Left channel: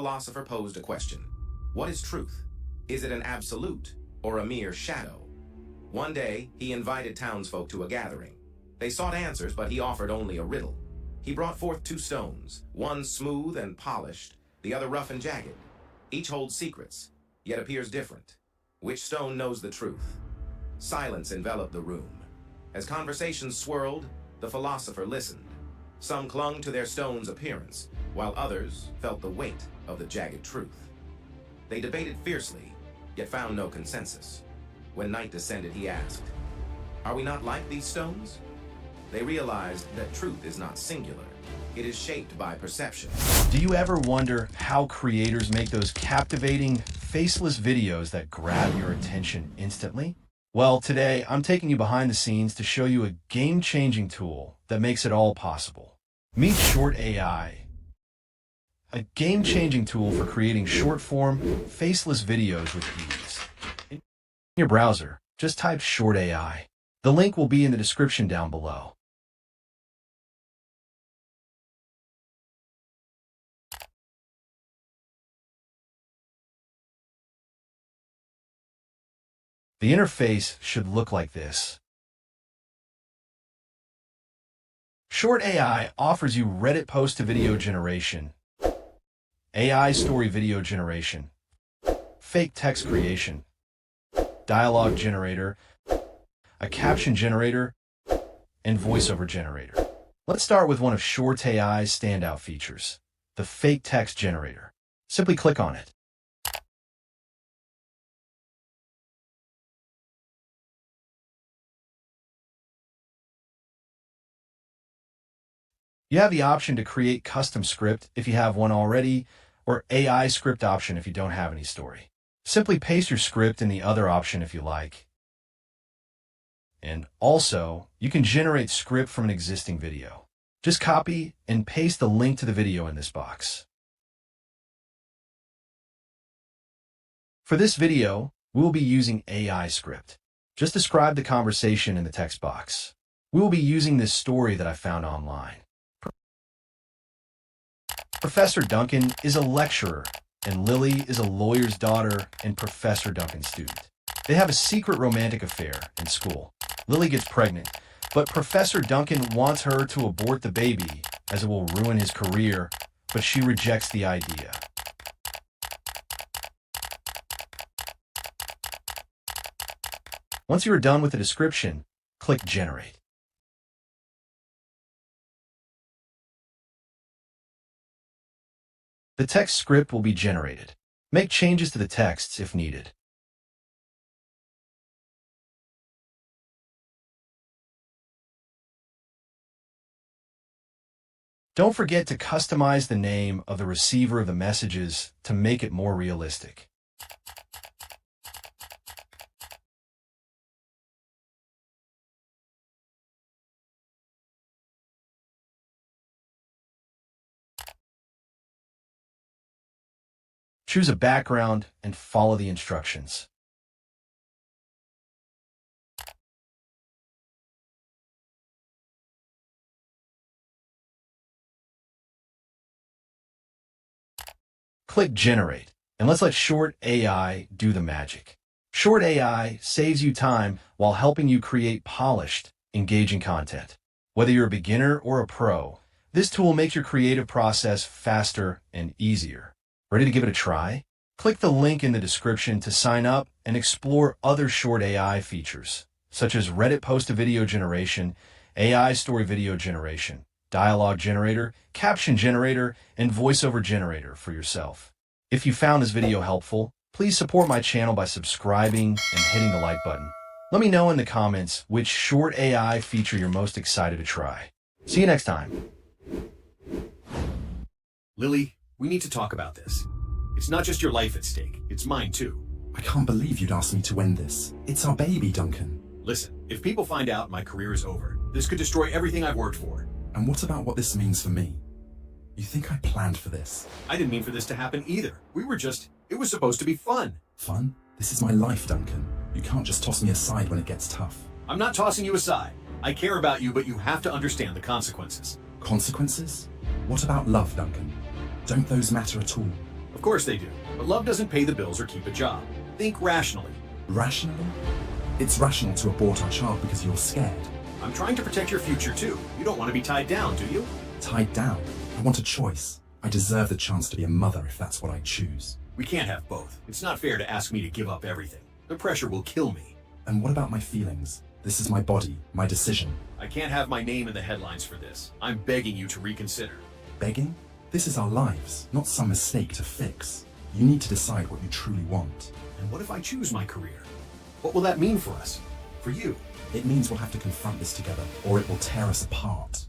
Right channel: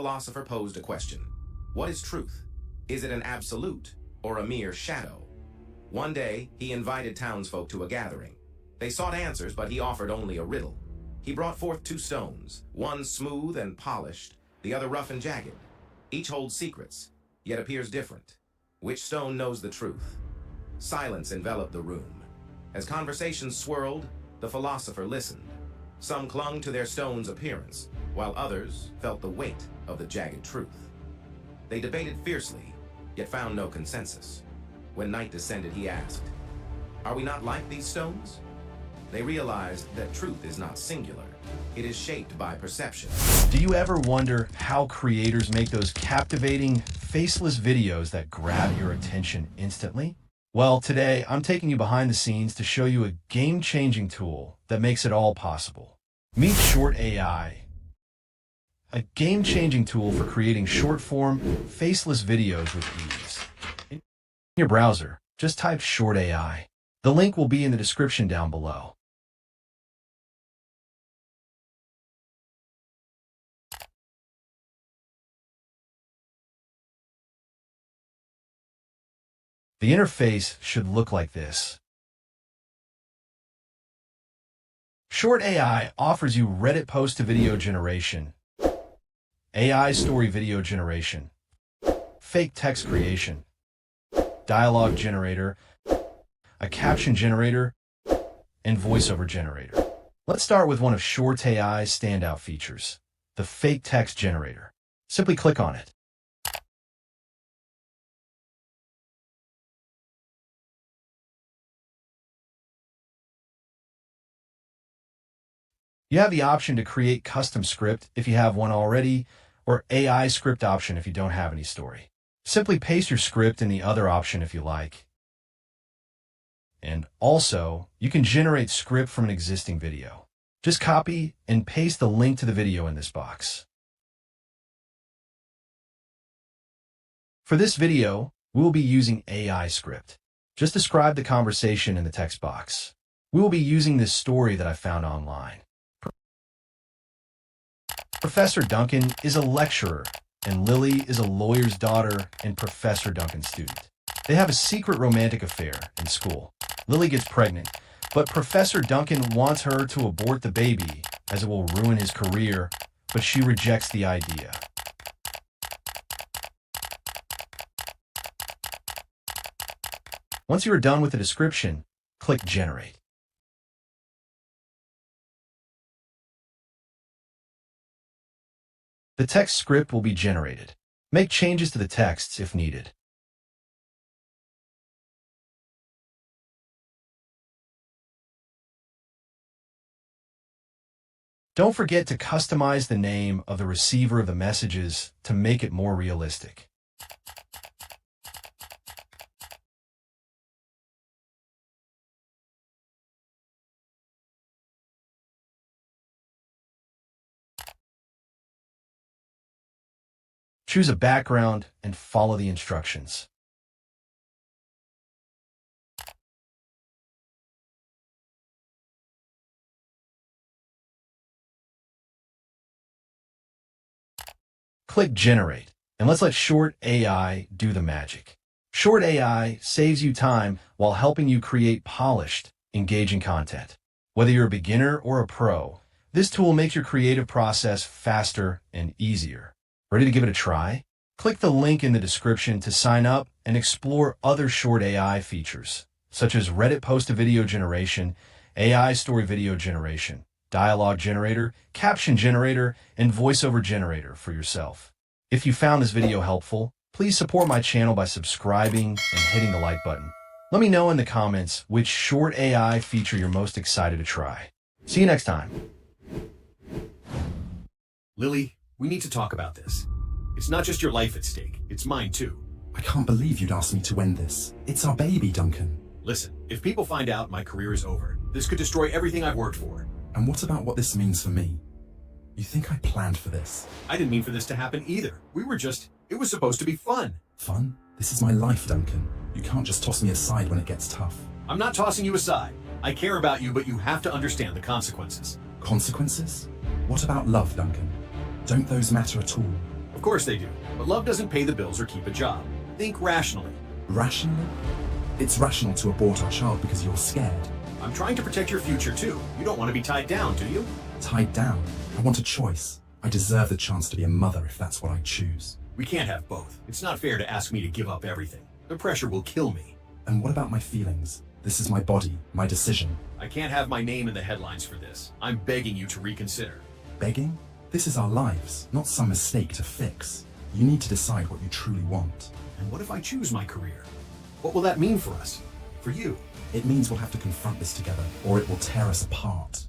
philosopher posed a question. What is truth? Is it an absolute or a mere shadow? One day, he invited townsfolk to a gathering. They sought answers, but he offered only a riddle. He brought forth two stones, one smooth and polished, the other rough and jagged. Each holds secrets, yet appears different. Which stone knows the truth? Silence enveloped the room. As conversations swirled, the philosopher listened. Some clung to their stone's appearance, while others felt the weight of the jagged truth. They debated fiercely, yet found no consensus. When night descended, he asked, "Are we not like these stones?" They realized that truth is not singular. It is shaped by perception. Do you ever wonder how creators make those captivating, faceless videos that grab your attention instantly? Well, today I'm taking you behind the scenes to show you a game-changing tool that makes it all possible. Meet ShortAI, a game-changing tool for creating short-form, faceless videos with ease. In your browser, just type ShortAI. The link will be in the description down below. The interface should look like this. ShortAI offers you Reddit post-to-video generation, AI story video generation, fake text creation, dialogue generator, a caption generator, and voiceover generator. Let's start with one of ShortAI's standout features, the fake text generator. Simply click on it. You have the option to create custom script if you have one already, or AI script option if you don't have any story. Simply paste your script in the other option if you like. And also, you can generate script from an existing video. Just copy and paste the link to the video in this box. For this video, we will be using AI script. Just describe the conversation in the text box. We will be using this story that I found online. Professor Duncan is a lecturer, and Lily is a lawyer's daughter and Professor Duncan's student. They have a secret romantic affair in school. Lily gets pregnant, but Professor Duncan wants her to abort the baby as it will ruin his career, but she rejects the idea. Once you are done with the description, click Generate. The text script will be generated. Make changes to the texts if needed. Don't forget to customize the name of the receiver of the messages to make it more realistic. Choose a background and follow the instructions. Click Generate, and let's let ShortAI do the magic. ShortAI saves you time while helping you create polished, engaging content. Whether you're a beginner or a pro, this tool makes your creative process faster and easier. Ready to give it a try? Click the link in the description to sign up and explore other ShortAI features, such as Reddit post-to-video generation, AI story video generation, dialogue generator, caption generator, and voiceover generator for yourself. If you found this video helpful, please support my channel by subscribing and hitting the like button. Let me know in the comments which ShortAI feature you're most excited to try. See you next time. Lily, we need to talk about this. It's not just your life at stake, it's mine too. I can't believe you'd ask me to end this. It's our baby, Duncan. Listen, if people find out my career is over, this could destroy everything I've worked for. And what about what this means for me? You think I planned for this? I didn't mean for this to happen either. It was supposed to be fun. Fun? This is my life, Duncan. You can't just toss me aside when it gets tough. I'm not tossing you aside. I care about you, but you have to understand the consequences. Consequences? What about love, Duncan? Don't those matter at all? Of course they do. But love doesn't pay the bills or keep a job. Think rationally. Rationally? It's rational to abort our child because you're scared. I'm trying to protect your future too. You don't want to be tied down, do you? Tied down? I want a choice. I deserve the chance to be a mother if that's what I choose. We can't have both. It's not fair to ask me to give up everything. The pressure will kill me. And what about my feelings? This is my body, my decision. I can't have my name in the headlines for this. I'm begging you to reconsider. Begging? This is our lives, not some mistake to fix. You need to decide what you truly want. And what if I choose my career? What will that mean for us? For you? It means we'll have to confront this together, or it will tear us apart.